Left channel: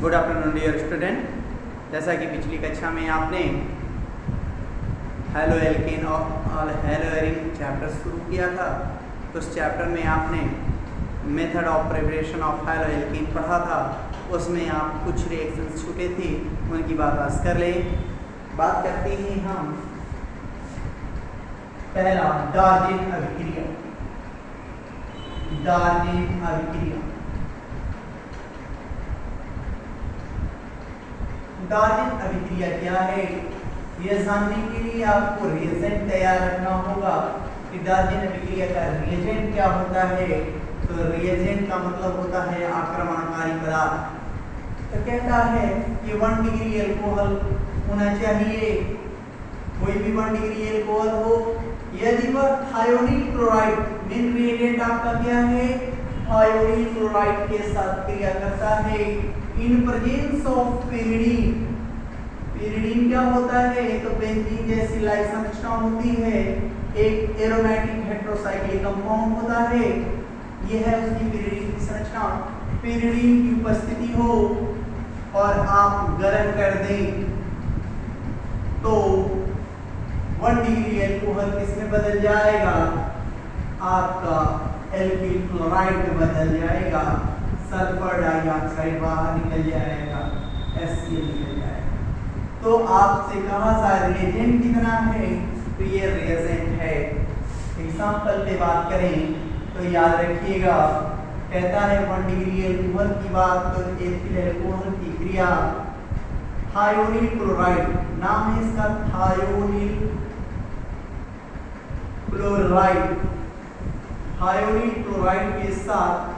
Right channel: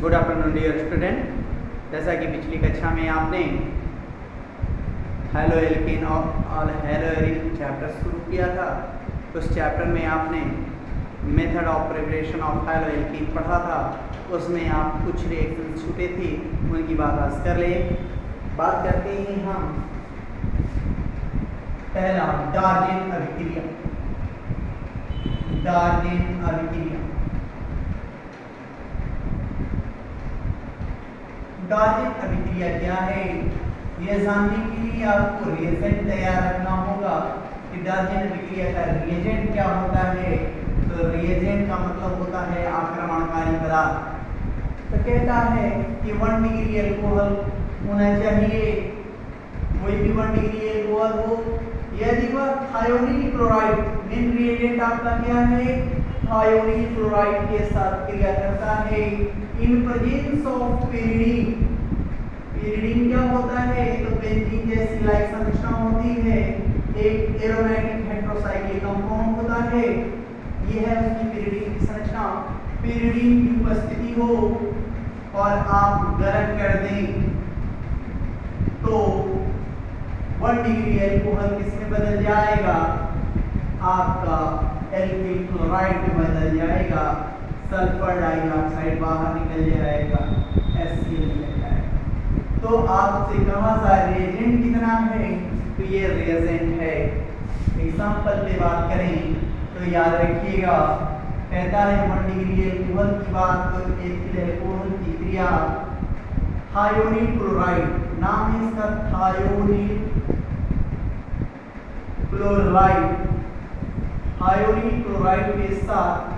Good afternoon dear student. जैसा कि पिछली कक्षा में आपने हेलो एल्केन और हेलो एरिन चैप्टर शुरू किया था, तो उस चैप्टर में आपने method of preparation of halo alkane पढ़ा था। उसमें आप कुछ रिएक्शन छूटे थे, उनकी बात आज कर ले। बात करते हैं हम पहला डार्जेन अभिक्रिया। डार्जेन अभिक्रिया, डार्जेन अभिक्रिया क्या है, यह जानने के लिए आपको रिएजेंट तैयार रखना होगा कि डार्जेन अभिक्रिया का रिएजेंट क्या होता है। तो रिएजेंट का मतलब होता है आक्रमणकारी पदार्थ। तो कहता है कि 1 डिग्री एल्कोहल होना चाहिए, कोई भी 1 डिग्री एल्कोहल हो। यदि वह थायोनील क्लोराइड, मेन रिएजेंट आपका क्या है, थायोनील क्लोराइड के साथ क्रिया करता है in presence of pyridine. Pyridine क्या होता है, तो बेंजीन जैसी लाइक संरचना होती है, एक एरोमेटिक हेटेरोसाइक्लिक कंपाउंड होता है, यह है उसकी पेरिडीन की संरचना। पेरिडीन की उपस्थिति हो और आप गर्म कर दें तो 1 डिग्री एल्कोहल किसमें बदल जाएगा, आपका एल्किल क्लोराइड में बदल जाएगा, सल्फर डाइऑक्साइड बाहर निकल जाएगा, HCl निकल जाएगा। तो आपसे कहा था रिएजेंट कितना है, तो ये रिएजेंट है। एग्जाम्पल पे बात करें तो याद रखिएगा, कहता है 1 डिग्री एल्कोहल की बात, तो एथिल एल्कोहल की क्रिया थायोनील क्लोराइड, नाम है इसका थायोनील क्लोराइड। थायोनील क्लोराइड के साथ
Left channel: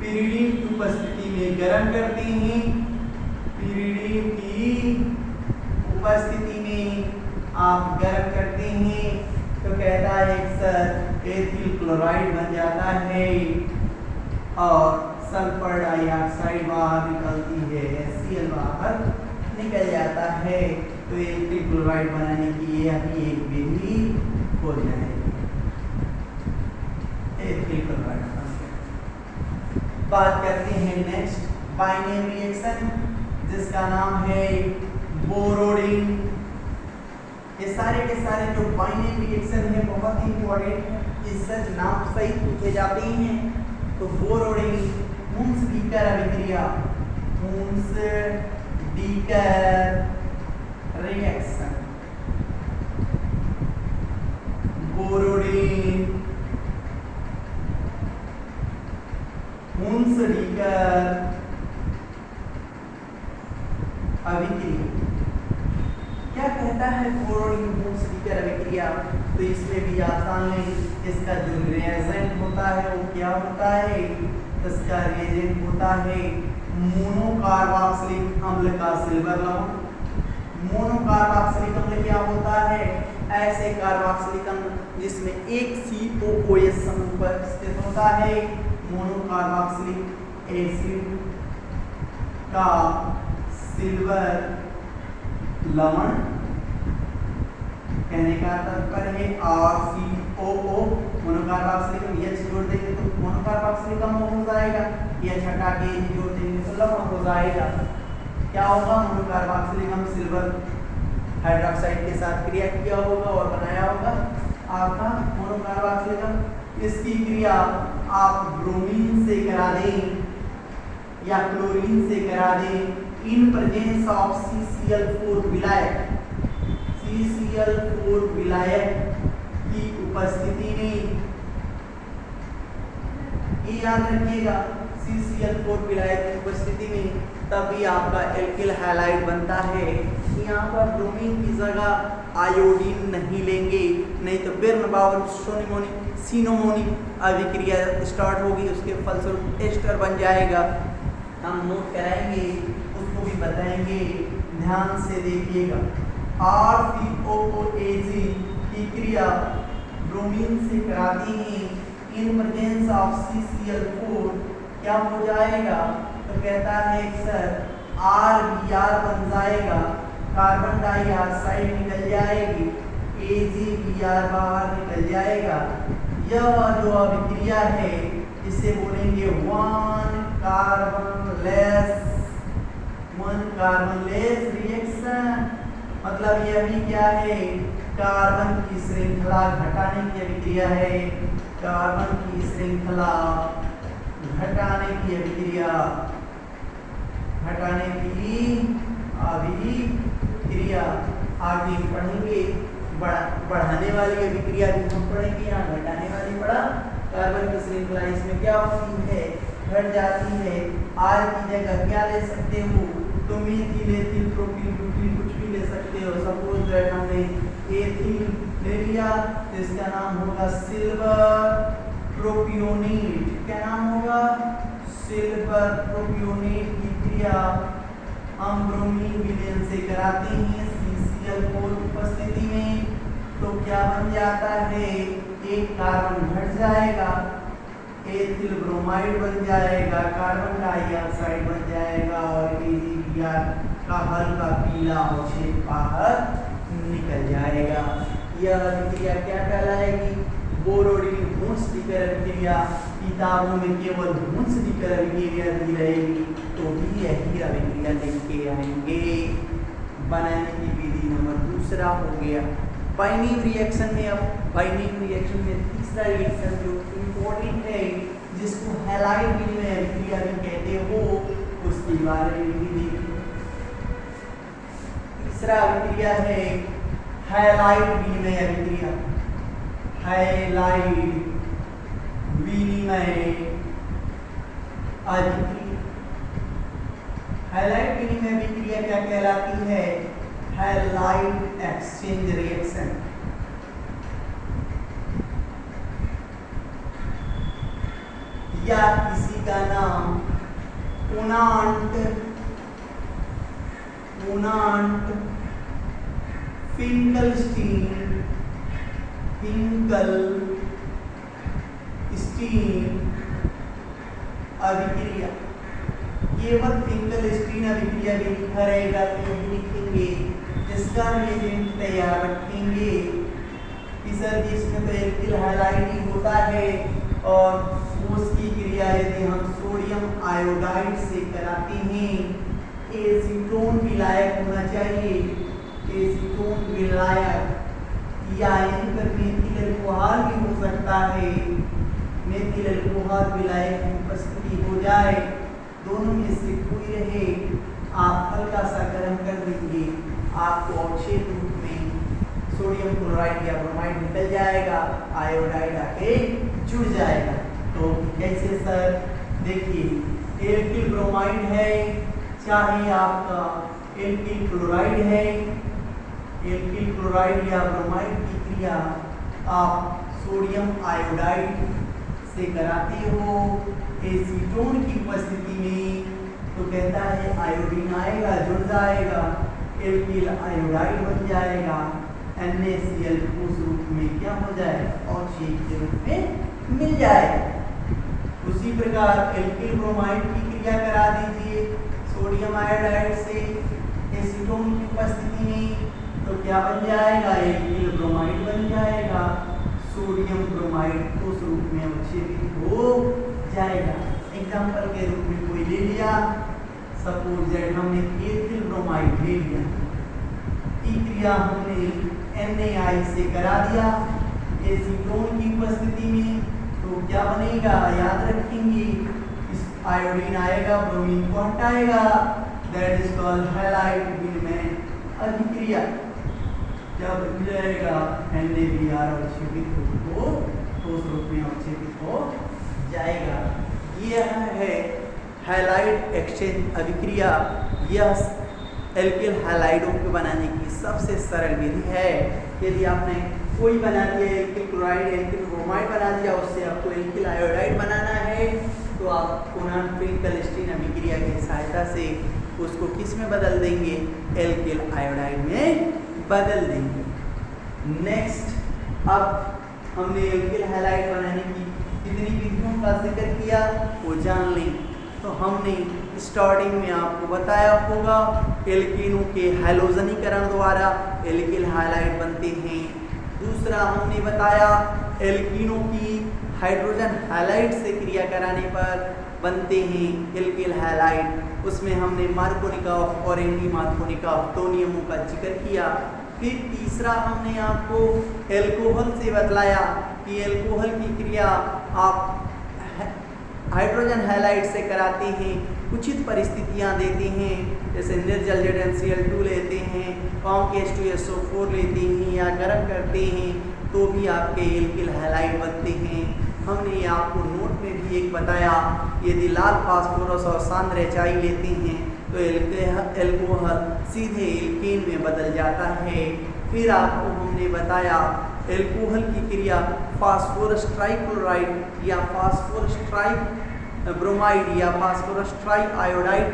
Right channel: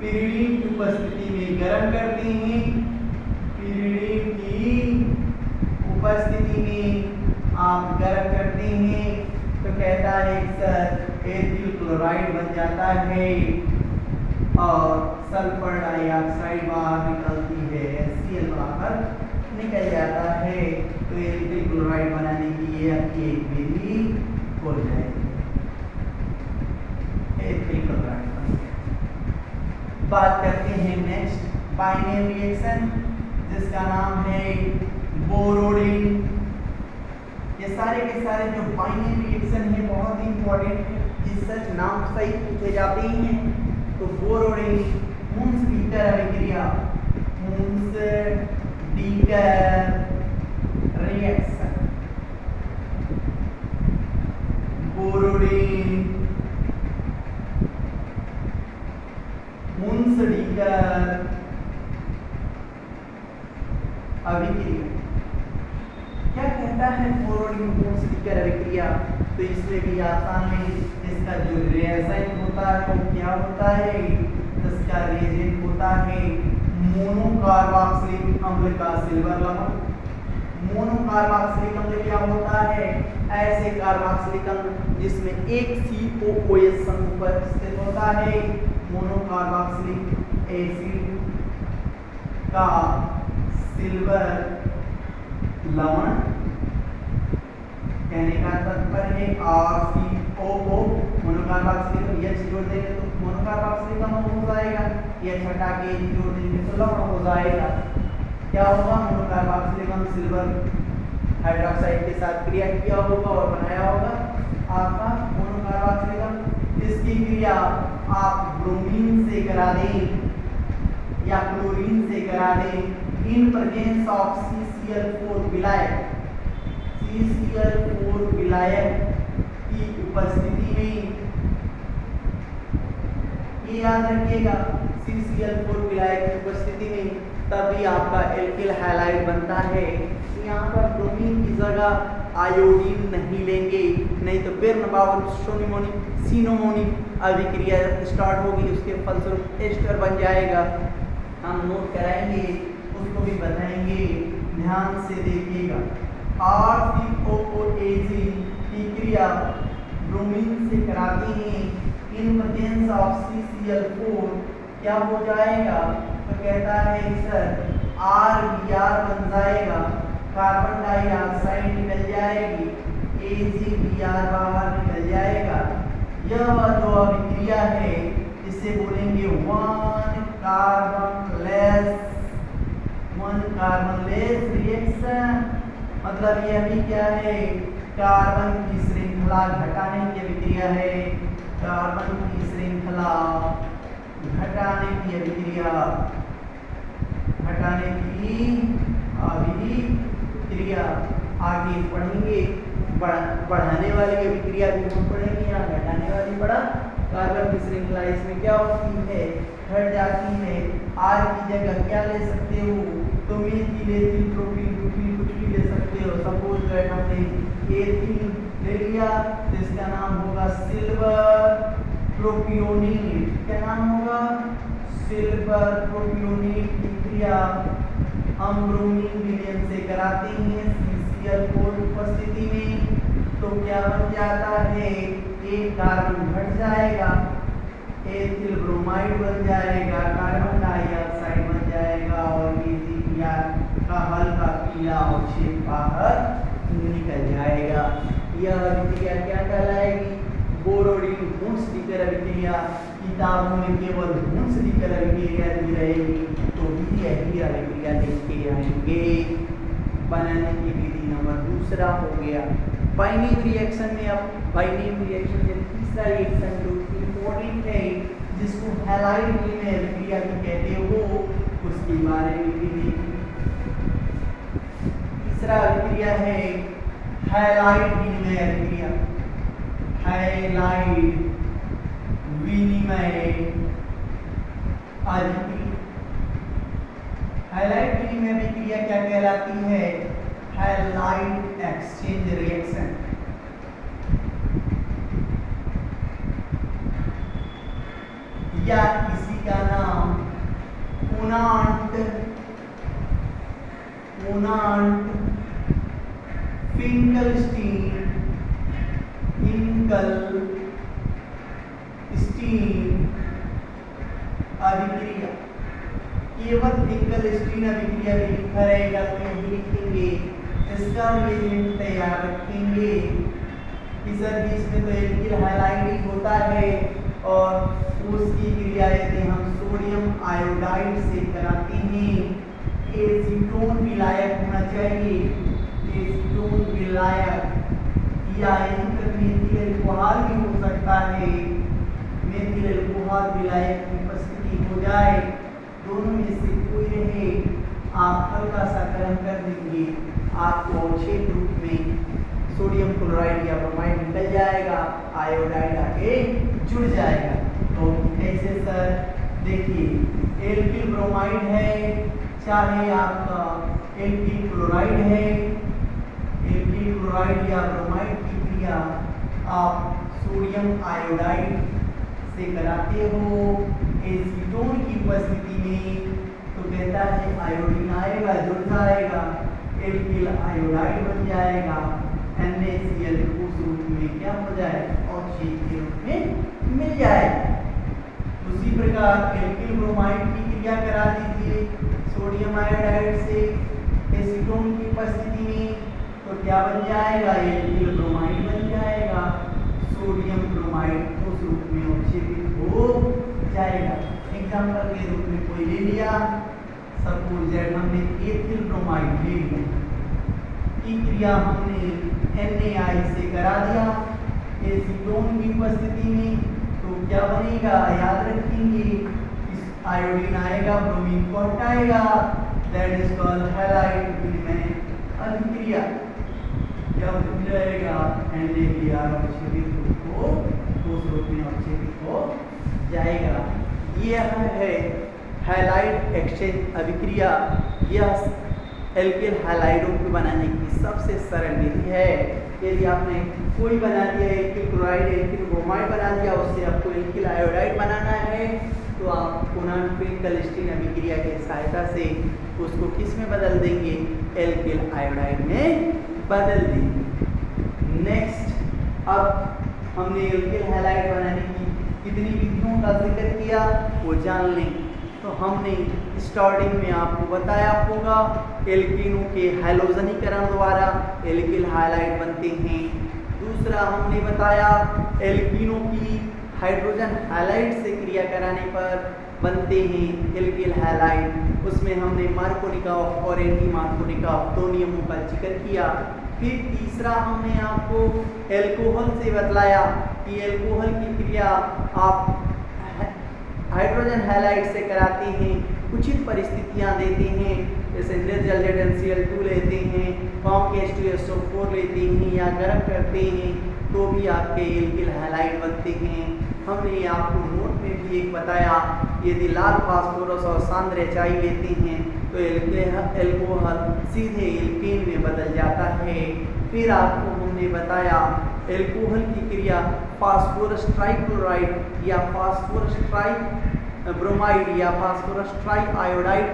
पेरिडीन की उपस्थिति में गर्म करते हैं। पेरिडीन की उपस्थिति में आप गर्म करते हैं तो कहता है सर एथिल क्लोराइड बन जाता है और सल्फर डाइऑक्साइड बाहर निकलती है, HCl बाहर निकल जाता है। तो एथिल क्लोराइड बनाने की यह एक विधि हो जाएगी, एथिल क्लोराइड। बात करते हैं नेक्स्ट बाइनेम रिएक्शन, जिसका नाम है बोरोडिन। ये सारे के सारे जो बाइनेम रिएक्शन है बहुत ही इंपॉर्टेंट है, इससे नाम सही पूछे जाते हैं। तो बोरोडिन मुंस-डीकर अभिक्रिया, मुंस-डीकर रिएक्शन, बोरोडिन मुंस-डीकर अभिक्रिया। क्या कहता है बोरोडिन मुंस-डीकर अभिक्रिया, तो इसमें भी आसान है। इसका जो रिएजेंट होता है वो क्या होता है, इसका रिएजेंट होता है मोनोकार्बोक्सिलिक अम्ल का सिल्वर लवण। मोनोकार्बोक्सिलिक अम्ल क्या होता है, ऐसे कार्बोक्सिलिक अम्ल जिसमें एक COOH समूह पर स्थित होता है, मोनोकार्बोक्सिलिक एसिड का सिल्वर लवण। कहने का तात्पर्य है RCOO, मोनोकार्बोक्सिलिक अम्ल, H जोड़ देंगे तो मोनोकार्बोक्सिलिक अम्ल हो जाएगा, H हटा के जोड़ देंगे तो लवण हो जाएगा। क्या होगा, मोनोकार्बोक्सिलिक अम्ल सिल्वर हाइड्रोक्साइड के साथ क्रिया किया होगा और बनाया होगा आपका मोनोकार्बोक्सिलिक अम्ल। इसकी क्रिया आप ब्रोमीन से करा दें या क्लोरीन से करा दें इन प्रेजेंस ऑफ CCl4 विलायक, CCl4 विलायक की उपस्थिति में। ये याद रखिएगा, CCl4 विलायक की उपस्थिति में तभी आपका एल्किल हैलाइड बनता है। यहाँ पर ब्रोमीन की जगह आयोडीन नहीं लेंगे, नहीं तो बिर्नबाउल सिनोमोनिक अभिक्रिया स्टार्ट होगी, उसके फलस्वरूप एस्टर बन जाएगा। हम नोट कराएंगे, उसको भी बताएंगे, ध्यान से देखिएगा। RCOOAC की क्रिया ब्रोमीन से कराती हैं इन प्रेजेंस ऑफ CCl4, क्या हो जाएगा, तो कहता है सर RBr बन जाएगा, कार्बन डाइऑक्साइड निकल जाएगी, AgBr बाहर निकल जाएगा। यह जो अभिक्रिया है इसे बोलेंगे 1 carbon less one carbon less reaction, मतलब यह भी क्या है, कार्बन की श्रृंखला घटाने की अभिक्रिया है, कार्बन की श्रृंखला घटाने की अभिक्रिया, घटाने की अभिक्रिया। आगे पढ़ेंगे, बढ़ाने वाली अभिक्रिया भी हम पढ़ेंगे, यहाँ घटाने वाली पढ़ा। कार्बन की श्रृंखला इसमें क्या होती है, घट जाती है। आर की जगह क्या ले सकते हो, तो मेथिल, एथिल, प्रोपिल, ब्यूटिल कुछ भी ले सकते हो। सपोज दैट हमने एथिल ले लिया तो इसका नाम होगा सिल्वर प्रोपियोनेट। क्या नाम होगा, सिल्वर प्रोपियोनेट की क्रिया हम ब्रोमीन विलयन से कराते हैं CCl4 की उपस्थिति में, तो क्या बन जाता है, एक कार्बन घट जाएगा, एथिल ब्रोमाइड बन जाएगा, कार्बन डाइऑक्साइड बन जाएगा और क्रिया का हल्का पीला अवक्षेप बाहर निकल जाएगा। यह अभिक्रिया क्या कहलाएगी, बोरोडिन हुंस-डिकर अभिक्रिया। किताबों में केवल हुंस-डिकर अभिक्रिया दी रहेगी, तो भी यही अभिक्रिया लिख के आएंगे। बनाने की विधि नंबर दूसरा हो गया। बाइंडिंग रिएक्शन में, अब बाइंडिंग रिएक्शन में तीसरा रिएक्शन जो इम्पोर्टेंट है, जिसको हैलाइड विनिमय अभिक्रिया भी कहते हो, उसके बारे में भी देखिए। तीसरा अभिक्रिया है हैलाइड विनिमय अभिक्रिया। हैलाइड विनिमय अभिक्रिया, हैलाइड विनिमय अभिक्रिया क्या कहलाती है, हैलाइड एक्सचेंज रिएक्शन। या इसी का नाम कोनांट फिंकलस्टीन अभिक्रिया। केवल फिंकलस्टीन अभिक्रिया भी लिखा रहेगा तो यही लिखेंगे, इसका रिएजेंट तैयार रखेंगे कि सर जी इसमें तो एल्किल हैलाइड ही होता है और उसकी क्रिया यदि हम सोडियम आयोडाइड से कराते हैं, एसीटोन विलायक होना चाहिए, एसीटोन विलायक, या यहीं पर मेथिल अल्कोहल भी हो सकता है, मेथिल अल्कोहल विलायक की उपस्थिति हो जाए, दोनों में से कोई रहे, आप हल्का सा गर्म कर देंगे, आपको अवक्षेप रूप में सोडियम क्लोराइड या ब्रोमाइड निकल जाएगा, आयोडाइड आके जुड़ जाएगा। तो कैसे सर, देखिए एल्किल ब्रोमाइड है, चाहे आपका एल्किल क्लोराइड है, एल्किल क्लोराइड या ब्रोमाइड की क्रिया आप सोडियम आयोडाइड से कराते हो एसीटोन की उपस्थिति में, तो कहता है आयोडीन आएगा, जुड़ जाएगा, एल्किल आयोडाइड बन जाएगा, NaCl ठोस रूप में क्या हो जाए, अवक्षेप के रूप में मिल जाएगा। उसी प्रकार एल्किल ब्रोमाइड की क्रिया करा दीजिए सोडियम आयोडाइड से एसीटोन की उपस्थिति में, तो क्या बन जाएगा, एल्किल ब्रोमाइड बन जाएगा, सोडियम ब्रोमाइड ठोस रूप में अवक्षेपित हो जाएगा। एग्जाम्पल के रूप में कोई ले लिया, सपोज दैट हमने एथिल ब्रोमाइड ले लिया, की क्रिया हमने NaI से करा दिया एसीटोन की उपस्थिति में, तो क्या बनेगा, याद रखेंगे, इस आयोडीन आएगा, ब्रोमीन को हटाएगा, दैट इज कॉल्ड हैलाइड विनिमय अभिक्रिया। जब मिल जाएगा NaBr अवक्षेपित हो, ठोस रूप में अवक्षेपित हो जाएगा। यह है हैलाइड एक्सचेंज अभिक्रिया। यह एल्किल हैलाइडों को बनाने की सबसे सरल विधि है। यदि आपने कोई बना दिया, एल्किल क्लोराइड, एल्किल ब्रोमाइड बना दिया, उससे आपको एल्किल आयोडाइड बनाना है, तो आप कोनांट फिंकलस्टीन अभिक्रिया की सहायता से उसको किस में बदल देंगे, एल्किल आयोडाइड में बदल देंगे। नेक्स्ट, अब हमने एल्किल हैलाइड बनाने की कितनी विधियों का जिक्र किया वो जान लें। तो हमने स्टार्टिंग में आपको बताया होगा एल्कीनों के हैलोजनीकरण द्वारा एल्किल हैलाइड बनते हैं। दूसरा हमने बताया एल्कीनों की हाइड्रोजन हैलाइड से क्रिया कराने पर बनते हैं एल्किल हैलाइड। उसमें हमने मार्कोनिकॉफ और एंटी मार्कोनिकॉफ दो नियमों का जिक्र किया। फिर तीसरा हमने आपको एल्कोहल से बतलाया कि एल्कोहल की क्रिया आप हाइड्रोजन हैलाइड से कराते हैं, उचित परिस्थितियां देते हैं, जैसे निर्जल ZnCl2 लेते हैं, कॉम के H2SO4 लेते हैं या गर्म करते हैं तो भी आपके एल्किल हैलाइड बनते हैं। हमने आपको नोट में भी एक बताया, यदि लाल फास्फोरस और सांद्र HI लेते हैं तो एल्कोहल सीधे एल्केन में बदल जाता है। फिर आपको हमने बताया एल्कोहल की क्रिया फास्फोरस ट्राइक्लोराइड या फास्फोरस ट्राई ब्रोमाइड या फास्फोरस ट्राई आयोडाइड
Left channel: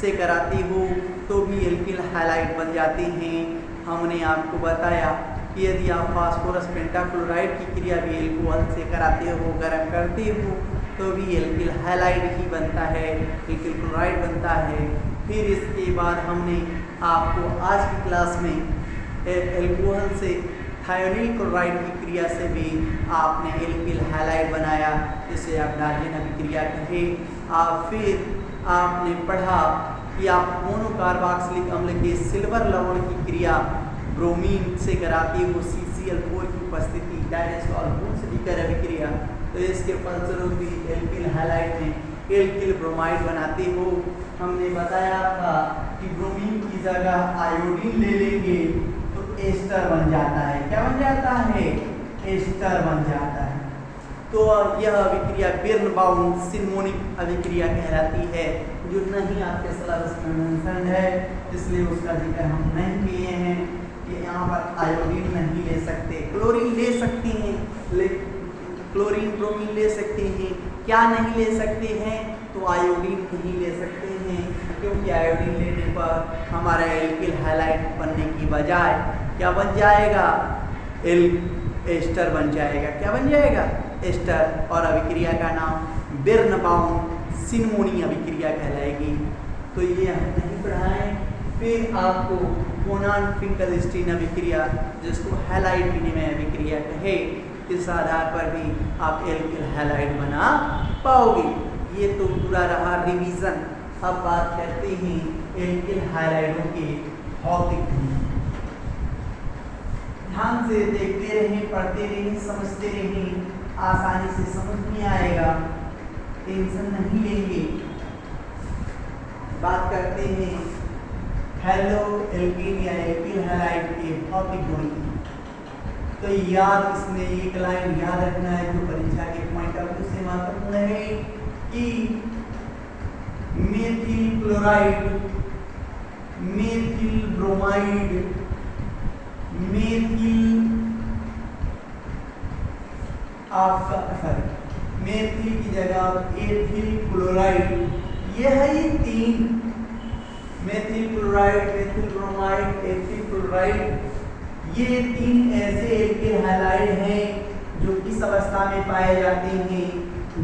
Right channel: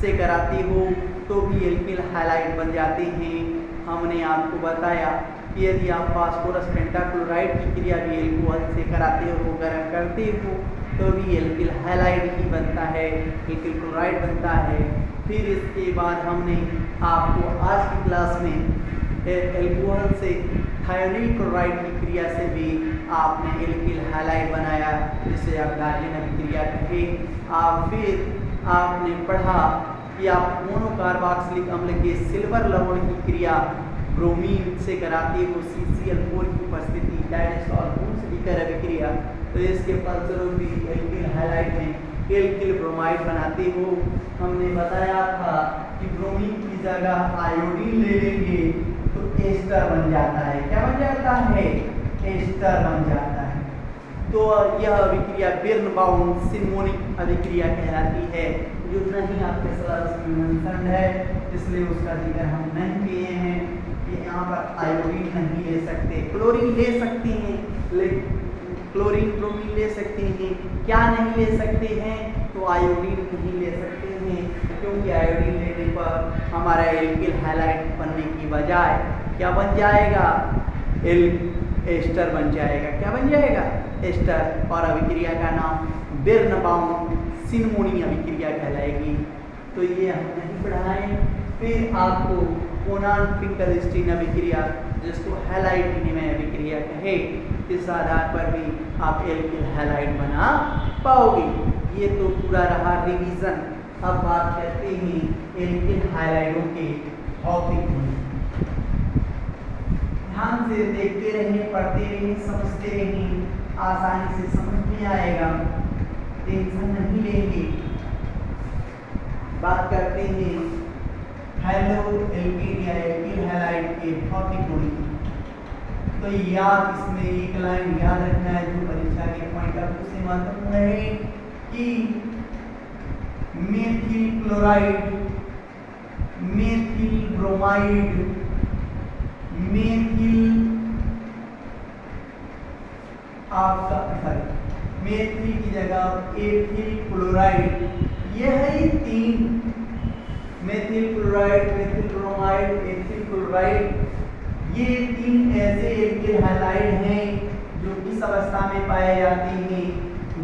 से कराते हो तो भी एल्किल हैलाइड बन जाते हैं। हमने आपको बताया कि यदि आप फास्फोरस पेंटाक्लोराइड की क्रिया भी एल्कोहल से कराते हो, गर्म करते हो तो भी एल्किल हैलाइड ही बनता है, एल्किल क्लोराइड बनता है। फिर इसके बाद हमने आपको आज की क्लास में एल्कोहल से थायोनिल क्लोराइड की क्रिया से भी आपने एल्किल हैलाइड बनाया, जिसे आप डार्जन अभिक्रिया कहे। फिर आपने पढ़ा कि आप मोनोकार्बोक्सिलिक अम्ल के सिल्वर लवण की क्रिया ब्रोमीन से कराते हो CCl4 की उपस्थिति डायस्टॉल से दिकर अभिक्रिया, तो इसके फलस्वरूप भी एल्किल हैलाइड में एल्किल ब्रोमाइड बनाते हो। हमने बताया था कि ब्रोमीन की जगह आयोडीन ले लेंगे तो एस्टर बन जाता है। क्या बन जाता है? एस्टर बन जाता है। तो यह अभिक्रिया बिर्नबाउम सिनमोनिक अभिक्रिया कहलाती है, जो नहीं आपके सिलेबस में मेंशन है, इसलिए उसका जिक्र हम नहीं किए हैं। कि यहाँ पर आयोडीन नहीं ले सकते, क्लोरीन ले सकते हैं, लेकिन क्लोरीन ब्रोमीन ले सकते हैं। क्या नहीं ले सकते हैं? तो आयोडीन नहीं ले सकते हैं, क्योंकि आयोडीन लेने पर हमारा एल्किल हैलाइड बनने की बजाय क्या बन जाएगा? एस्टर बन जाएगा। क्या बन जाएगा? एस्टर। और अभिक्रिया का नाम बिर्नबाउम सिनमोनी अभिक्रिया कहलाएगी। तो ये हम नहीं पढ़ाएं। फिर आपको कोनान फिंकलस्टीन अभिक्रिया, जिसको हैलाइड विनिमय अभिक्रिया कहे, इस आधार पर भी आप एल्किल हैलाइड बना पाओगे। ये तो पूरा रहा रिवीजन। अब बात करते हैं एल्किल हैलाइडों के भौतिक गुण। ध्यान से देखते रहें, पढ़ते रहें, समझते रहें, आसानी से समझ में आएगा, टेंशन नहीं लेंगे। बात करते हैं हेलो एल्किन या एल्किल हैलाइड के भौतिक गुण। तो याद इसमें एक लाइन याद रखना है जो परीक्षा के पॉइंट ऑफ व्यू से महत्वपूर्ण है कि methyl chloride, methyl bromide, methyl methyl की जगह एथिल क्लोराइड, यह ही तीन, methyl chloride, methyl bromide, ethyl chloride, ये तीन ऐसे एल्किल हैलाइड हैं जो किस अवस्था में पाए जाते हैं?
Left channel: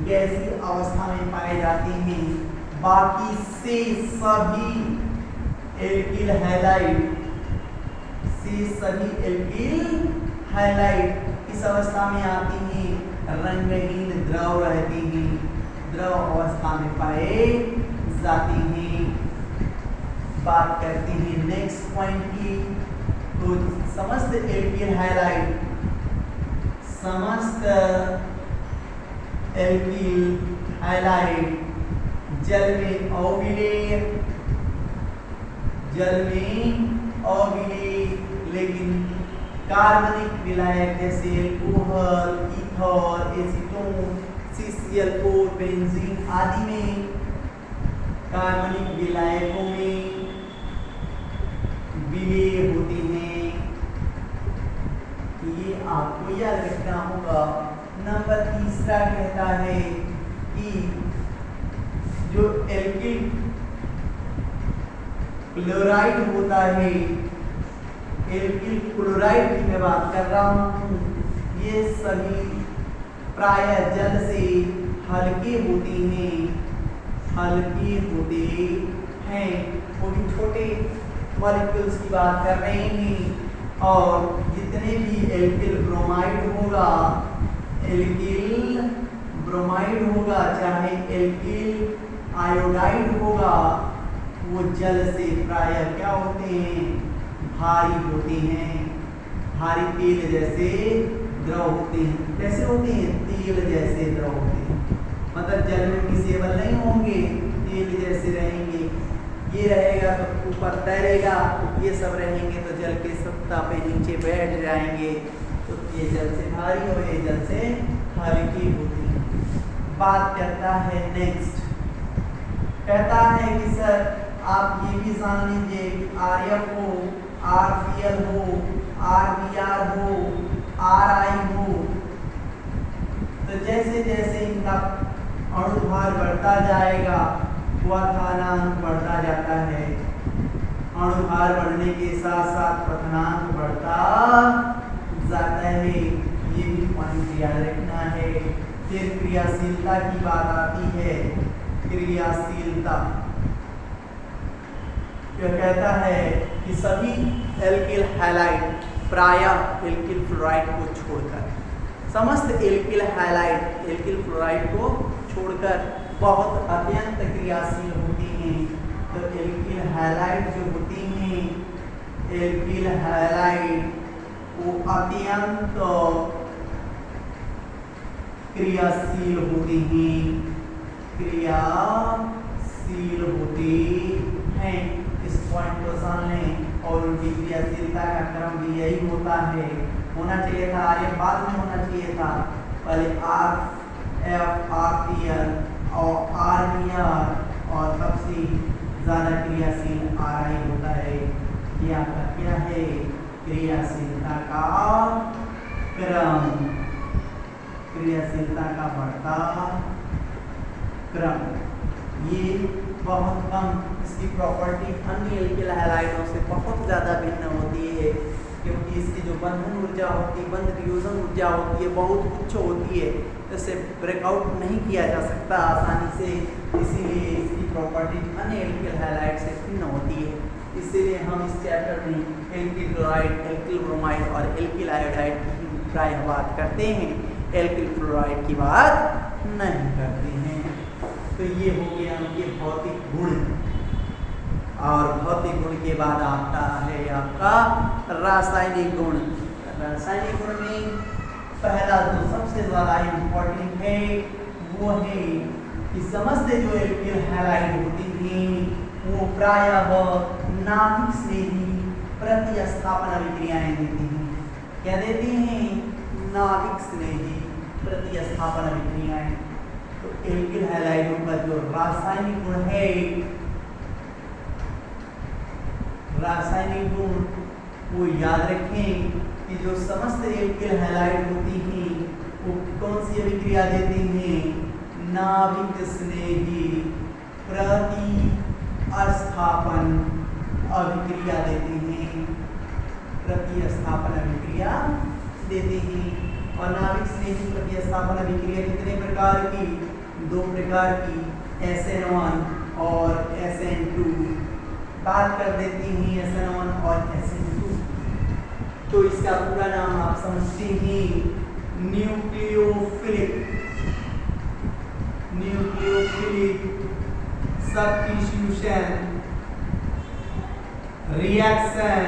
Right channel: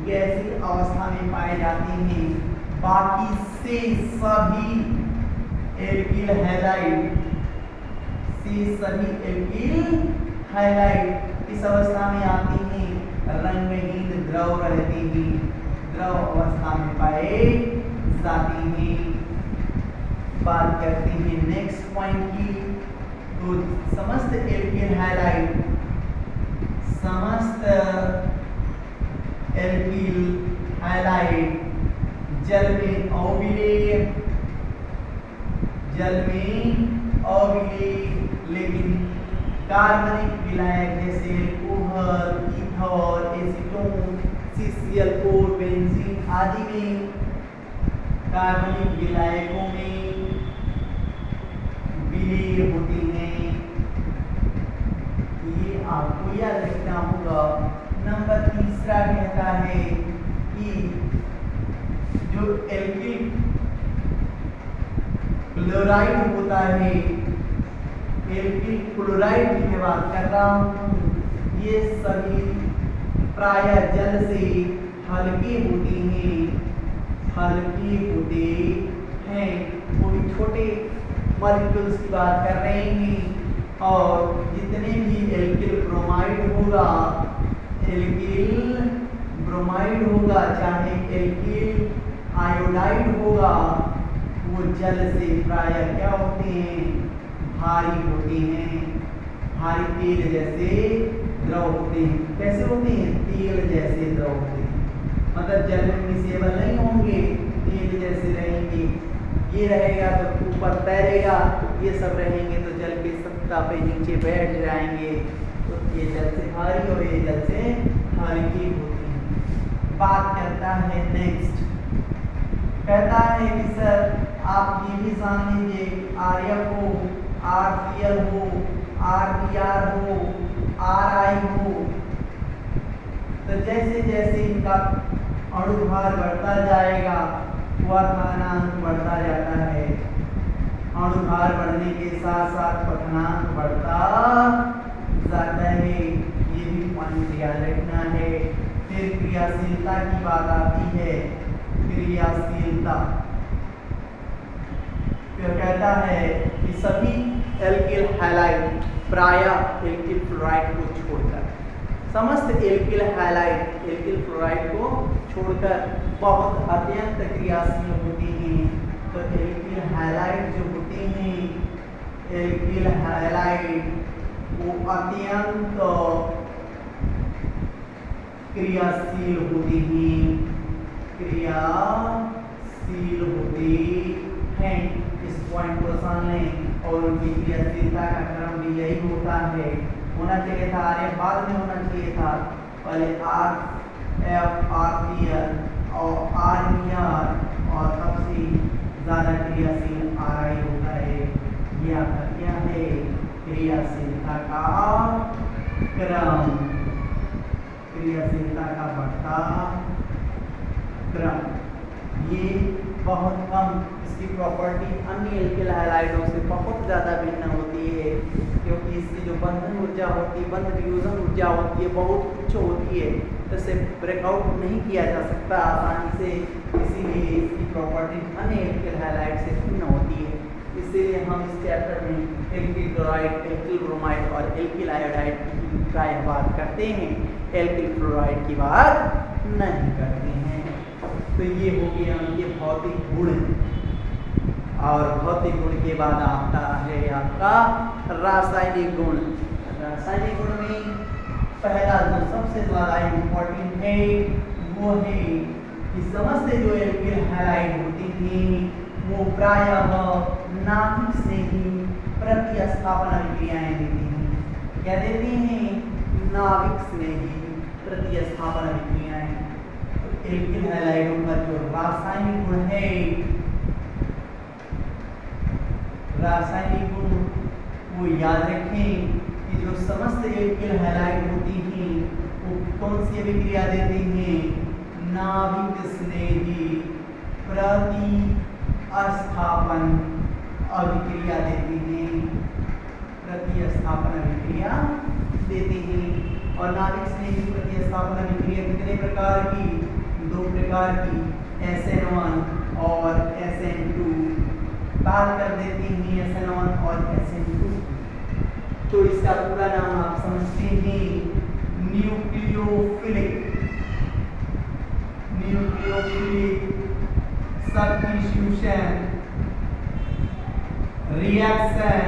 गैसीय अवस्था में पाए जाते हैं। बाकी से सभी एल्किल हैलाइड इस अवस्था में आती हैं, रंगहीन द्रव रहती हैं, द्रव अवस्था में पाए जाते हैं। बात करते हैं नेक्स्ट पॉइंट की। तो समस्त एल्किल हैलाइड, समस्त एल्किल हैलाइड जल में अविलेय, लेकिन कार्बनिक विलायक जैसे एल्कोहल, इथॉल, एसीटोन, CCl4, बेंजीन आदि में, कार्बनिक विलायकों में विलेय होते हैं। ये आपको याद रखना होगा। नंबर तीसरा कहता है कि जो एल्किल क्लोराइड होता है, एल्किल क्लोराइड की मैं बात कर रहा हूँ, ये सभी प्रायः जल से हल्के होते हैं, वो भी छोटे मॉलिक्यूल्स की बात कर रहे हैं। और जितने भी एल्किल ब्रोमाइड होगा, एल्किल ब्रोमाइड होगा चाहे एल्किल आयोडाइड होगा, वो जल से प्रायः क्या होते हैं, भारी होते हैं, भारी तेल जैसे द्रव होते हैं। कैसे होते हैं, तेल जैसे द्रव होते हैं, मतलब जल में मिसेबल नहीं होंगे, तेल जैसे रहेंगे। ये रहेगा तो ऊपर तैरेगा, ये सब रहेंगे तो जल की सत्ता पे नीचे बैठ जाएंगे, तो ये जल से भारी और ये जल से हल्की होती है। बात करता है नेक्स्ट, कहता है कि सर आप ये भी जान लीजिए कि RF हो, RPL हो, RBr हो, RI हो, तो जैसे जैसे इनका अणुभार बढ़ता जाएगा क्वथनांक बढ़ता जाता है। अणुभार बढ़ने के साथ साथ क्वथनांक बढ़ता जाता है, ये भी पॉइंट याद रखना है। फिर क्रियाशीलता की बात आती है, क्रियाशीलता क्या कहता है कि सभी एल्किल हैलाइड प्रायः एल्किल फ्लोराइड को छोड़कर, समस्त एल्किल हैलाइड एल्किल फ्लोराइड को छोड़कर बहुत अत्यंत क्रियाशील होती हैं। तो एल्किल हैलाइड जो होती हैं, एल्किल हैलाइड वो अत्यंत क्रियाशील होती हैं, क्रियाशील होती हैं। इस पॉइंट को जान लें। और उनकी क्रियाशीलता का क्रम भी यही होता है, होना चाहिए था आर्य बाद में होना चाहिए था, पहले RF RPL और RBr और तब से ज़्यादा क्रियाशील RI होता है। ये आपका क्या है, क्रियाशीलता का क्रम, क्रियाशीलता का बढ़ता क्रम। ये बहुत कम, इसकी प्रॉपर्टी अन्य एल्किल हैलाइडों से बहुत ज़्यादा भिन्न होती है, क्योंकि इसकी जो बंधन ऊर्जा होती है, बंध फ्यूजन ऊर्जा होती है, बहुत उच्च होती है, इसे ब्रेकआउट नहीं किया जा सकता आसानी से, इसीलिए इसकी प्रॉपर्टी अन्य एल्किल हैलाइड से भिन्न होती है। इसीलिए हम इस चैप्टर में एल्किल क्लोराइड, एल्किल ब्रोमाइड और एल्किल आयोडाइड की प्रायः बात करते हैं, एल्किल फ्लोराइड की बात नहीं करते हैं। तो ये हो गया उनके भौतिक गुण, और भौतिक गुण के बाद आता है आपका रासायनिक गुण। रासायनिक गुण में पहला जो सबसे ज़्यादा इम्पोर्टेंट है वो है कि समस्त जो एल्किल हैलाइड होती हैं वो प्रायः नाभिक से ही प्रतिस्थापन अभिक्रियाएं देती हैं। क्या देती हैं, नाभिक से ही प्रतिस्थापन अभिक्रियाएं। तो एल्किल हैलाइडों का जो रासायनिक गुण है, रासायनिक गुण वो याद रखें कि जो समस्त एल्किल हैलाइड होती हैं वो कौन सी अभिक्रिया देती हैं, नाभिक स्नेही प्रतिस्थापन अभिक्रिया देती हैं, प्रतिस्थापन अभिक्रिया देती हैं। और नाभिक स्नेही प्रतिस्थापन अभिक्रिया कितने प्रकार की, दो प्रकार की, SN1 और SN2, बात कर देती हैं SN1 और SN2। तो इसका पूरा नाम आप समझते हैं, nucleophilic substitution reaction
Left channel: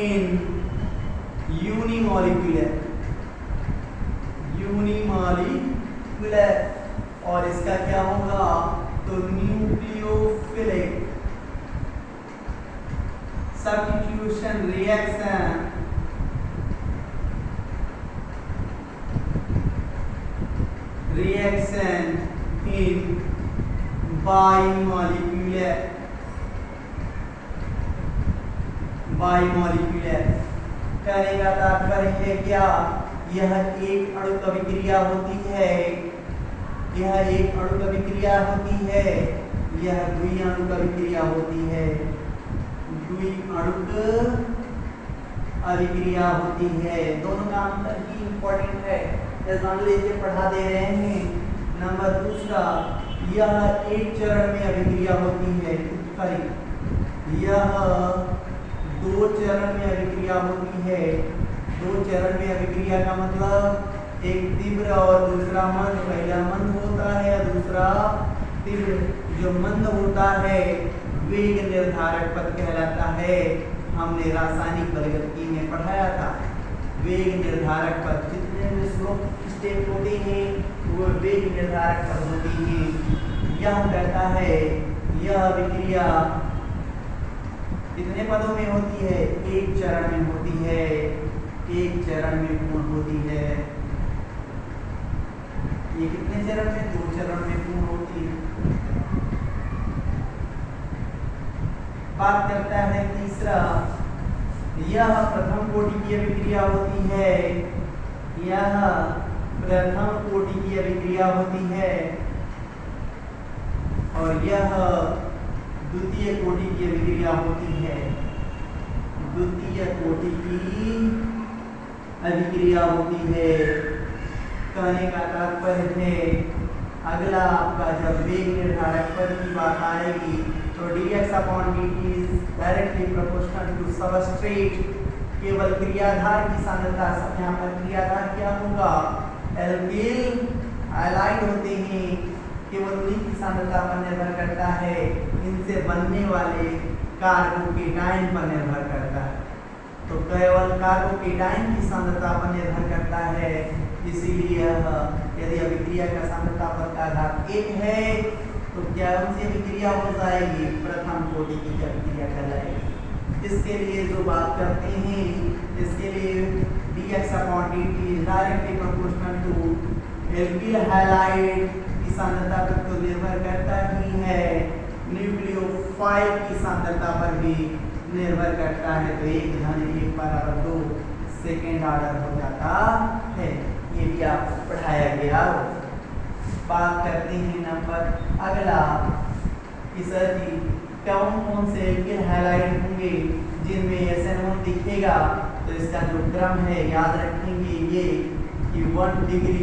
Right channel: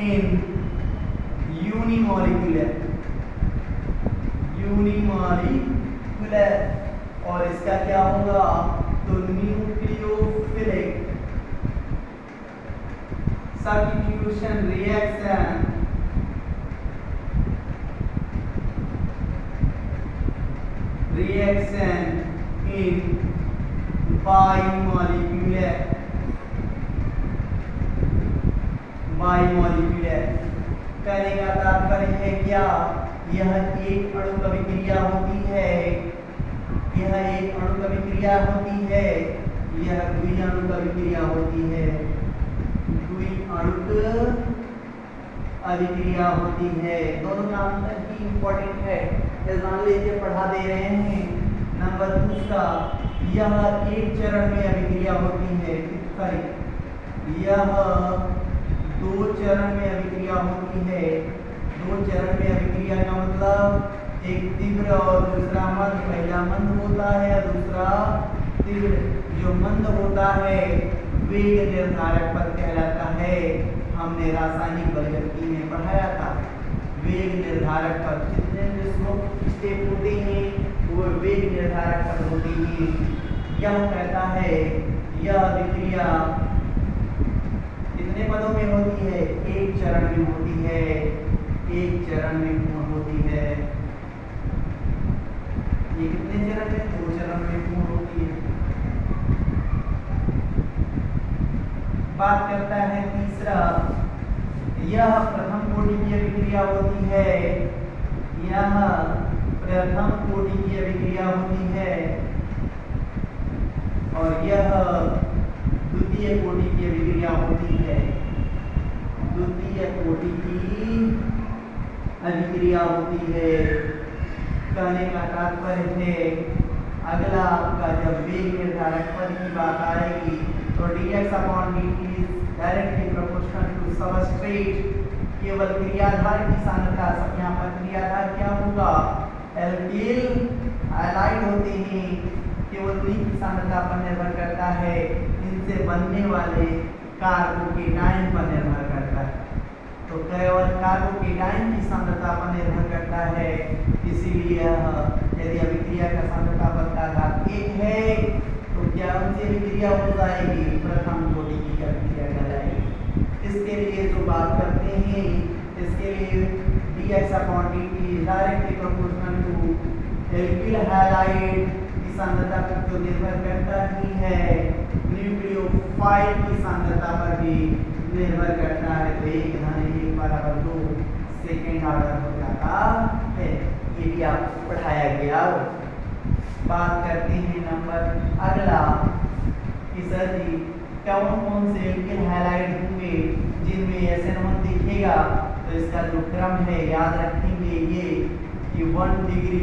in unimolecular, और इसका क्या होगा, तो न्यूक्लियोफिलिक सब्स्टिट्यूशन रिएक्शन इन बाइमॉलिक्यूलर। कहने का तात्पर्य है क्या, यह एक अणुक अभिक्रिया होती है, यह एक अणुक अभिक्रिया होती है, यह द्विअणुक अभिक्रिया होती है, द्विअणुक अभिक्रिया होती है। दोनों का अंतर ही इंपॉर्टेंट है, जान लीजिए, पढ़ा दे रहे हैं। नंबर दूसरा, यह एक चरण में अभिक्रिया होती है, यह दो चरण में अभिक्रिया होती है। दो चरण में अभिक्रिया का मतलब एक तीव्र और दूसरा मंद। पहला मंद होता है और दूसरा तीव्र। जो मंद होता है वेग निर्धारक पद कहलाता है। हमने रासायनिक बलगति में पढ़ाया था। वेग निर्धारक पद जितने भी स्टेप होते हैं वो वेग निर्धारक पद होते हैं। यह कहता है यह विक्रिया कितने पदों में होती है? एक चरण में होती है। एक चरण में पूर्ण होती है। ये कितने चरण में? 2 चरण में पूर्ण होती है। बात करता है तीसरा, यह प्रथम कोटि की अभिक्रिया होती है। यह प्रथम कोटि की अभिक्रिया होती है और यह द्वितीय कोटि की अभिक्रिया होती है। द्वितीय कोटि की अभिक्रिया होती है। कहने का तात्पर्य है अगला आपका जब वेग निर्धारक पद की बात आएगी तो dx/dt is directly proportional to substrate। केवल क्रियाधार की सांद्रता, यहाँ पर क्रियाधार क्या होगा? एल्किल हैलाइड होते हैं। केवल उन्हीं की सांद्रता पर निर्भर करता है। इनसे बनने वाले कार्बोकेटाइन पर निर्भर करता है। तो केवल कार्बोकेटाइन की सांद्रता पर निर्भर करता है। इसीलिए यदि अभिक्रिया का सांद्रता पद का घात 1 है तो क्या उनसे अभिक्रिया हो जाएगी? प्रथम कोटि की अभिक्रिया कहलाएगी। इसके लिए जो बात करते हैं, इसके लिए dx/dt directly proportional to alkyl halide की सांद्रता पर तो निर्भर करता ही है, न्यूक्लियोफाइल की सांद्रता पर भी निर्भर करता है। तो 1/2 सेकेंड ऑर्डर हो जाता है। ये भी आपको पढ़ाया गया। बात करते हैं नंबर अगला कि सर जी कौन कौन से एल्किल हैलाइड होंगे जिनमें SN1 दिखेगा। तो इसका जो क्रम है याद रखेंगे ये कि 1 डिग्री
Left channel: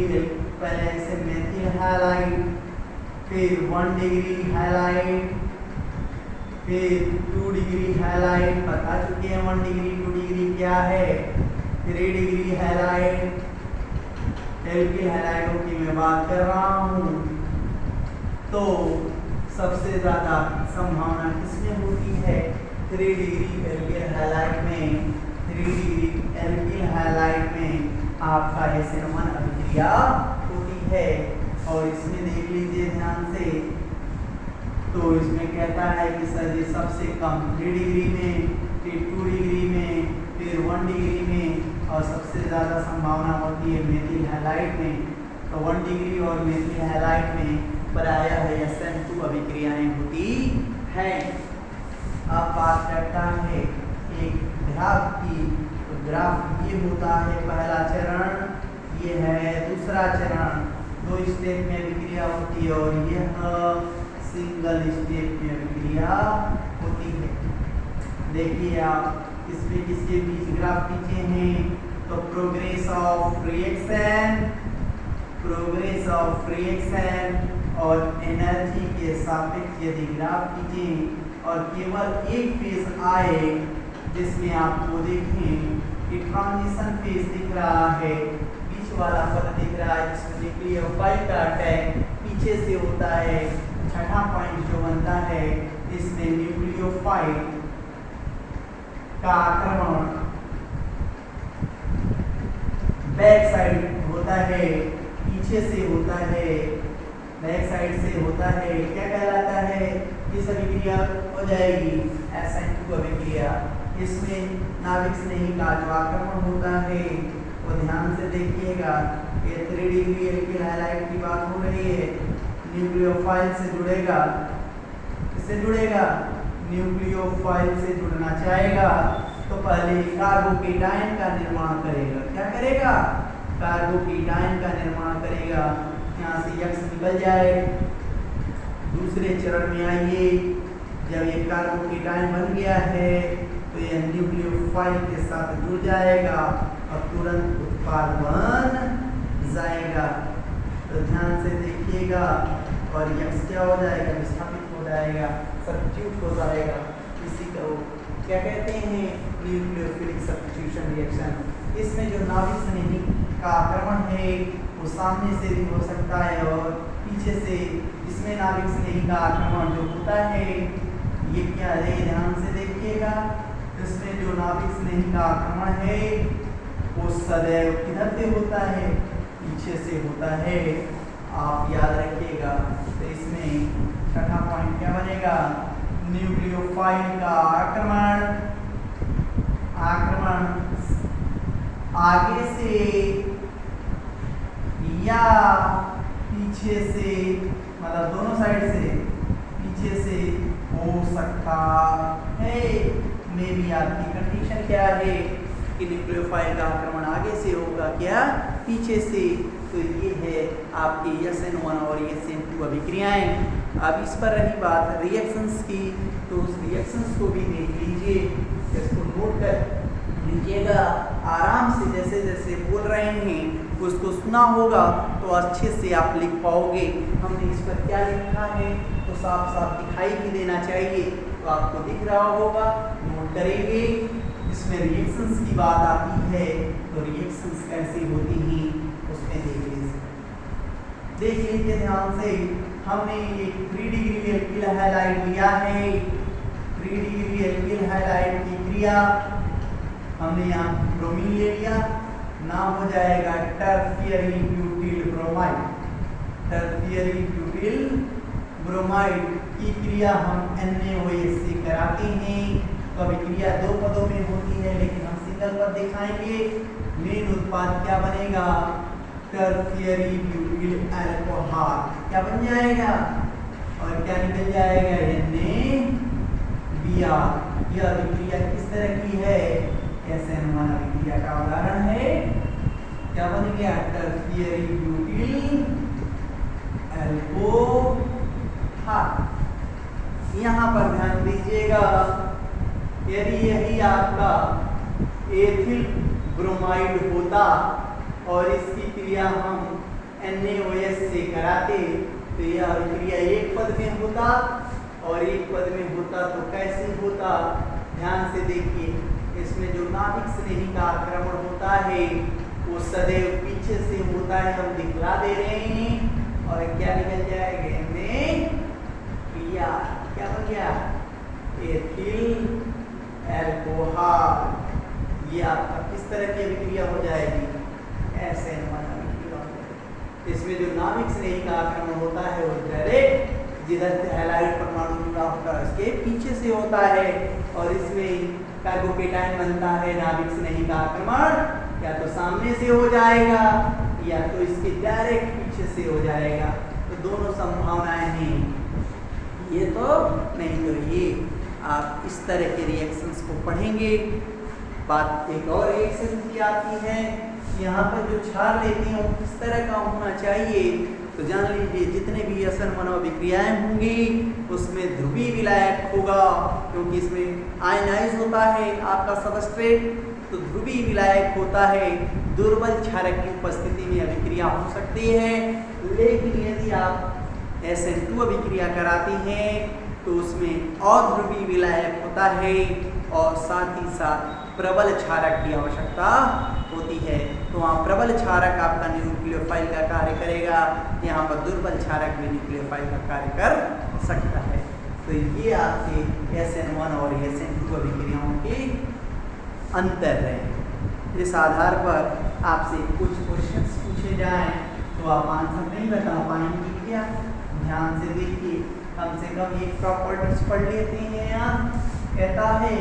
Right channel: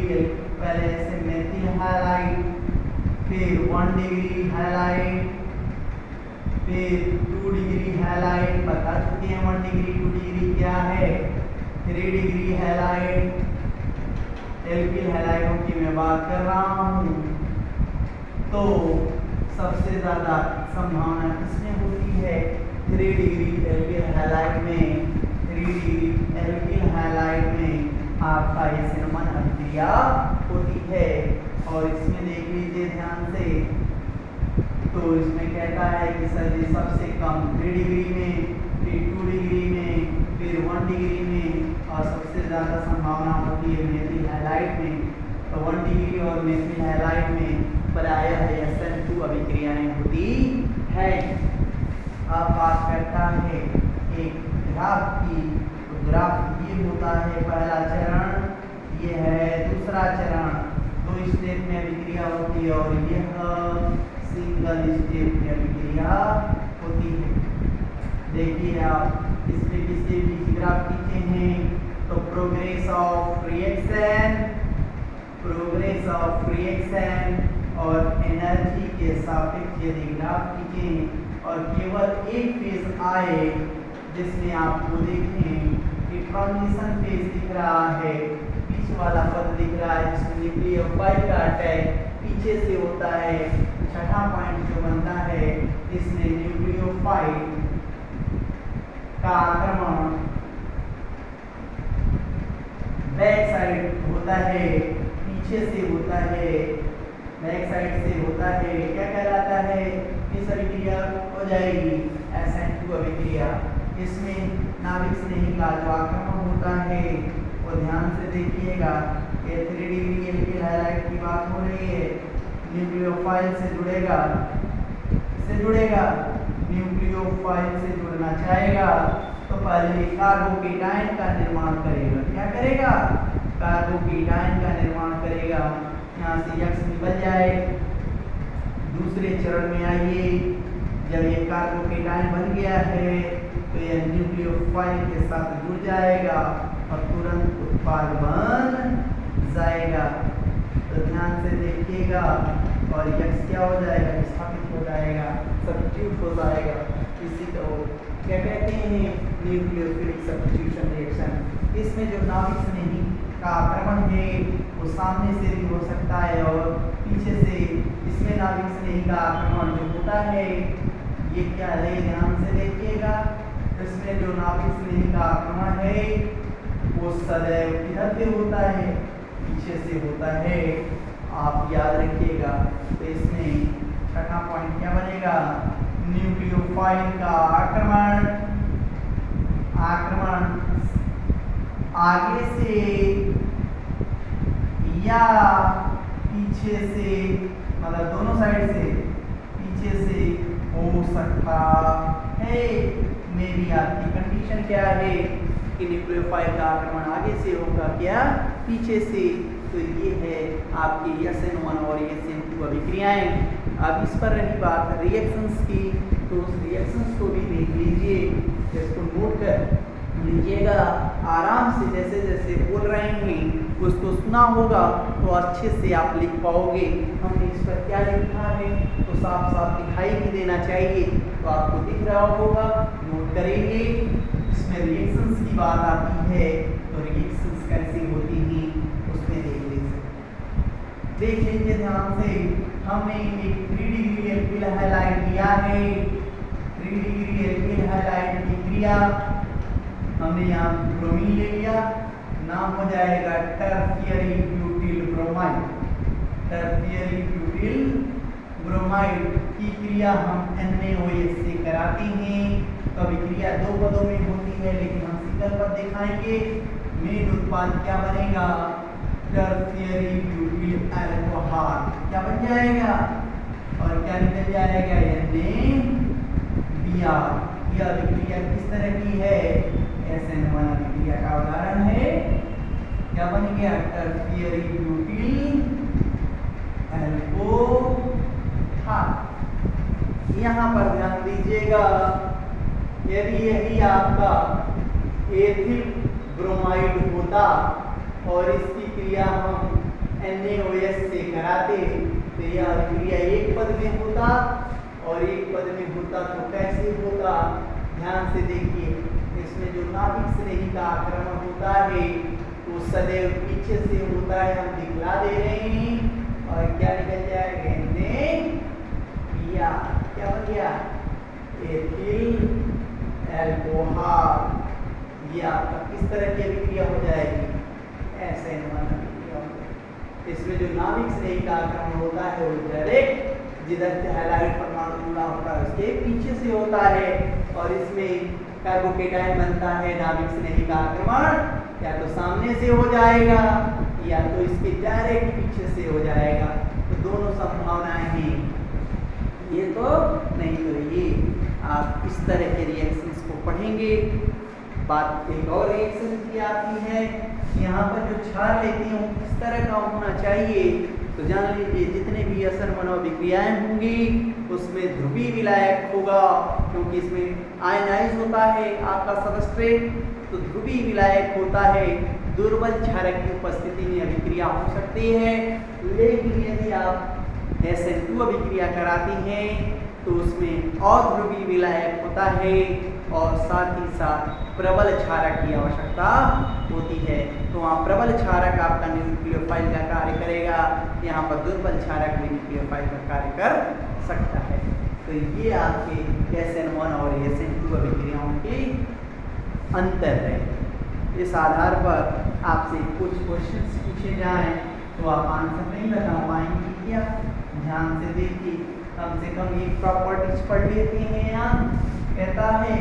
पहले ऐसे मेथिल हैलाइड, फिर 1 डिग्री हैलाइड, फिर 2 डिग्री हैलाइड बता चुके हैं। 1 डिग्री 2 डिग्री क्या है? 3 डिग्री हैलाइड। एल्किल हैलाइडों की मैं बात कर रहा हूँ तो सबसे ज़्यादा संभावना किसमें होती है? 3 डिग्री एल्किल हैलाइड में। 3 डिग्री एल्किल हैलाइड में आपका SN1 अभिक्रिया होती है। और इसमें देख लीजिए ध्यान से, तो इसमें कहता है कि सर जी सबसे कम 3 डिग्री में, फिर 2 डिग्री में, फिर 1 डिग्री में और सबसे ज़्यादा संभावना होती है मेथिल हैलाइड में। तो 1 डिग्री और मेथिल हैलाइड में प्रायः SN2 अभिक्रियाएं होती हैं। अब बात करता है एक ग्राफ की। तो ग्राफ ये होता है पहला चरण, ये है दूसरा चरण। 2 स्टेप में अभिक्रिया होती है और यह सिंगल स्टेप में अभिक्रिया होती है। देखिए आप इसमें किसके बीच ग्राफ खींचे हैं? तो प्रोग्रेस ऑफ रिएक्शन और एनर्जी के सापेक्ष यदि ग्राफ खींचें और केवल एक फेज आए जिसमें आपको देखें कि ट्रांजिशन फेज दिख रहा है, बीच वाला पद दिख रहा है जिसमें न्यूक्लियोफाइल का अटैक पीछे से होता है। छठा पॉइंट जो बनता है इसमें न्यूक्लियोफाइल का आक्रमण बैक साइड होता है, पीछे से होता है, बैक साइड से होता है। क्या कहलाता है? इस अभिक्रिया हो जाएगी SN2 अभिक्रिया। इसमें नाभिक स्नेही का जो आक्रमण होता है वो ध्यान से देखिएगा। ये 3 डिग्री एल्किल हैलाइड की बात हो रही है। न्यूक्लियोफाइल से जुड़ेगा, इससे जुड़ेगा, न्यूक्लियोफाइल से जुड़ना चाहेगा तो पहले कार्बोकेटाइन का निर्माण करेगा। क्या करेगा? कार्बोकेटाइन का निर्माण करेगा। यहाँ से X निकल जाए। दूसरे चरण में आइए, जब ये कार्बोकेटाइन बन गया है तो यह न्यूक्लियोफाइल के साथ जुड़ जाएगा और तुरंत उत्पाद बन जाएगा। तो ध्यान से देखिएगा और X क्या हो जाएगा? विस्थापित हो जाएगा, सब्स्टिट्यूट हो जाएगा। इसी को क्या कहते हैं? Nucleophilic substitution reaction. इसमें जो नाभिक स्नेही का आक्रमण है वो सामने से भी हो सकता है और पीछे से। इसमें नाभिक स्नेही का आक्रमण जो होता है ये क्या है, ध्यान से देखिएगा। इसमें जो नाभिक स्नेही का आक्रमण है वो सदैव किधर से होता है, पीछे से होता है, आप याद रखिएगा। तो इसमें छठा पॉइंट क्या बनेगा, न्यूक्लियोफाइल का आक्रमण आगे से या पीछे से, मतलब दोनों साइड से, पीछे से हो सकता है। में भी आपकी कंडीशन क्या है कि न्यूक्लियोफाइल का आक्रमण आगे से होगा क्या, पीछे से। तो ये है आपकी SN1 और SN2 अभिक्रियाएं। अब इस पर रही बात रिएक्शंस की, तो उस रिएक्शंस को भी देख लीजिए, इसको नोट कर लीजिएगा आराम से। जैसे जैसे बोल रहे हैं उसको सुना होगा तो अच्छे से आप लिख पाओगे। हमने इस पर क्या लिखा है तो साफ साफ दिखाई भी देना चाहिए, तो आपको दिख रहा होगा, नोट करेंगे। इसमें रिएक्शंस की बात आती है तो रिएक्शंस कैसी होती हैं उसमें देख लीजिए ध्यान से। हमने एक 3 डिग्री एल्किल हैलाइड लिया है, 3 डिग्री एल्किल हैलाइड की क्रिया हमने यहाँ ब्रोमीन ले लिया, नाम हो जाएगा tertiary butyl bromide. Tertiary butyl bromide की क्रिया हम NaOH से कराते हैं। तो अभिक्रिया दो पदों में होती है, लेकिन हम सिकल पर दिखाएंगे। मेन उत्पाद क्या बनेगा, टर्शियरी ब्यूटिल अल्कोहल क्या बन जाएगा और क्या निकल जाएगा, NaBr। यह अभिक्रिया किस तरह की है, SN1 अभिक्रिया का उदाहरण है। क्या बन गया, टर्शियरी ब्यूटिल अल्कोहल। यहाँ पर ध्यान दीजिएगा, यदि यही आपका एथिल ब्रोमाइड होता और इसकी क्रिया हम NaOH से कराते तो यह अभिक्रिया एक पद में होता और एक पद में होता तो कैसे होता, ध्यान से देखिए। इसमें जो नाभिक स्नेही का आक्रमण होता है वो सदैव पीछे से होता है, हम दिखला दे रहे हैं। और क्या निकल जाएगा, क्या हो गया, एथिल अल्कोहल। ये आपका किस तरह की अभिक्रिया हो जाएगी, SN1 अभिक्रिया। इसमें जो नाभिक स्नेही का आक्रमण होता है वो डायरेक्ट जिधर से हैलाइड परमाणु जुड़ा होता है उसके पीछे से होता है, और इसमें कार्बोकेटाइन बनता है। नाभिक स्नेही का आक्रमण या तो सामने से हो जाएगा या तो इसके डायरेक्ट पीछे से हो जाएगा, तो दोनों संभावनाएं हैं। ये तो नहीं तो ये, आप इस तरह के रिएक्शंस को पढ़ेंगे। बात एक और रिएक्शन की आती है, यहाँ पर जो क्षार लेते हैं वो किस तरह का होना चाहिए, तो जान लीजिए जितने भी SN1 अभिक्रियाएं होंगी उसमें ध्रुवीय विलायक होगा, क्योंकि इसमें आयनाइज होता है आपका सबस्ट्रेट, तो ध्रुवीय विलायक होता है। दुर्बल क्षारक की उपस्थिति में अभिक्रिया हो सकती है, लेकिन यदि आप SN2 अभिक्रिया कराती हैं तो उसमें अध्रुवीय विलायक होता है और साथ ही साथ प्रबल क्षारक की आवश्यकता होती है। तो वहाँ प्रबल क्षारक आपका न्यूक्लियोफाइल का कार्य करेगा, यहाँ पर दुर्बल क्षारक भी न्यूक्लियोफाइल का कार्य कर सकता है। तो ये आपके SN1 और SN2 अभिक्रियाओं के अंतर है। इस आधार पर आपसे कुछ क्वेश्चंस पूछे जाएं तो आप आंसर नहीं बता पाएंगे क्या, ध्यान से देखिए। कम से कम ये प्रॉपर्टीज पढ़ लेते हैं। यहाँ कहता है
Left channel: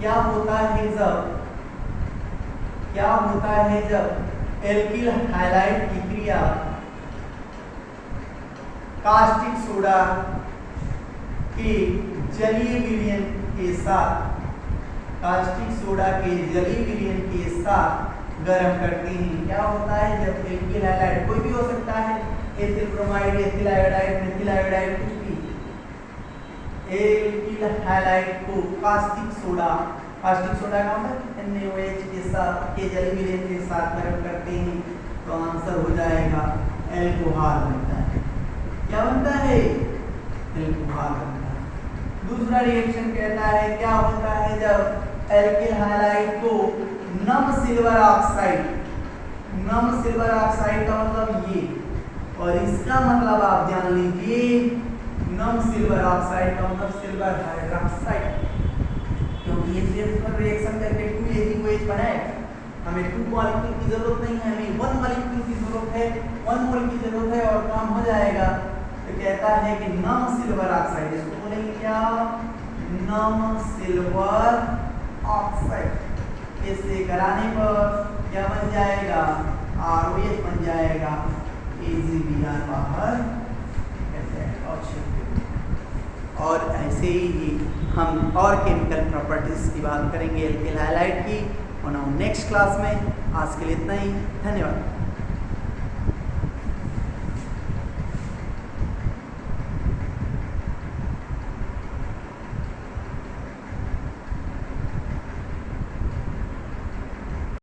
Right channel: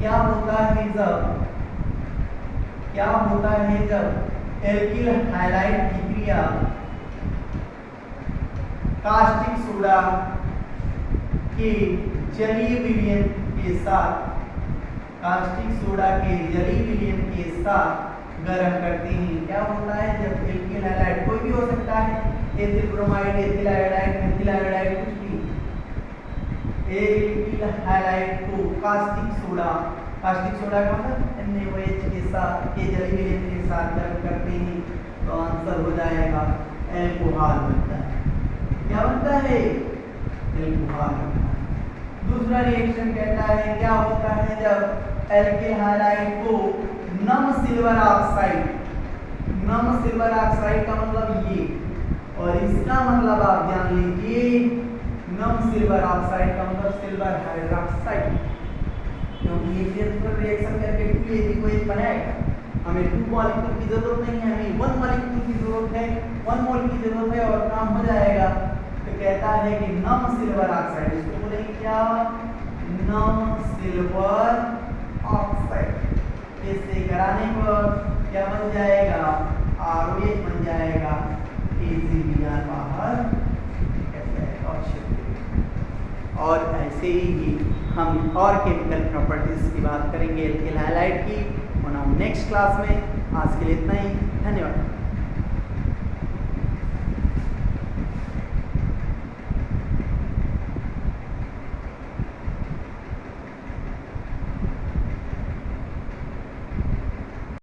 क्या होता है जब एल्किल हैलाइड की क्रिया कास्टिक सोडा के जलीय विलयन के साथ, कास्टिक सोडा के जलीय विलयन के साथ गर्म करते हैं। क्या होता है जब एल्किल हैलाइड, कोई भी हो सकता है, ethyl bromide, ethyl iodide, methyl iodide, कुछ भी, एल्किल हैलाइड को कास्टिक सोडा का मतलब NaOH के साथ के जलीय विलयन के साथ गर्म करते हैं तो आंसर हो जाएगा एल्कोहल बनता है। क्या बनता है, एल्कोहल बनता है। दूसरा रिएक्शन कहता है क्या होता है जब एल्किल हैलाइड को नम सिल्वर ऑक्साइड नम सिल्वर ऑक्साइड का मतलब ये, और इसका मतलब आप जान लीजिए नम सिल्वर ऑक्साइड का मतलब सिल्वर हाइड्रोक्साइड, क्योंकि ये फिर रिएक्शन करके 2H2OH बनाएगा। हमें 2 मॉलिक्यूल की जरूरत नहीं है, हमें 1 मॉलिक्यूल की जरूरत है, 1 मोल की जरूरत है और काम हो जाएगा। तो कहता है कि नम सिल्वर ऑक्साइड, इसको बोलेंगे क्या, नम सिल्वर ऑक्साइड। इससे कराने पर क्या बन जाएगा, ROH बन जाएगा, AgBr बाहर निकल जाएगा। और ऐसे ही हम और केमिकल प्रॉपर्टीज की बात करेंगे एल्किल हैलाइड की, और नेक्स्ट क्लास में। आज के लिए इतना ही, धन्यवाद।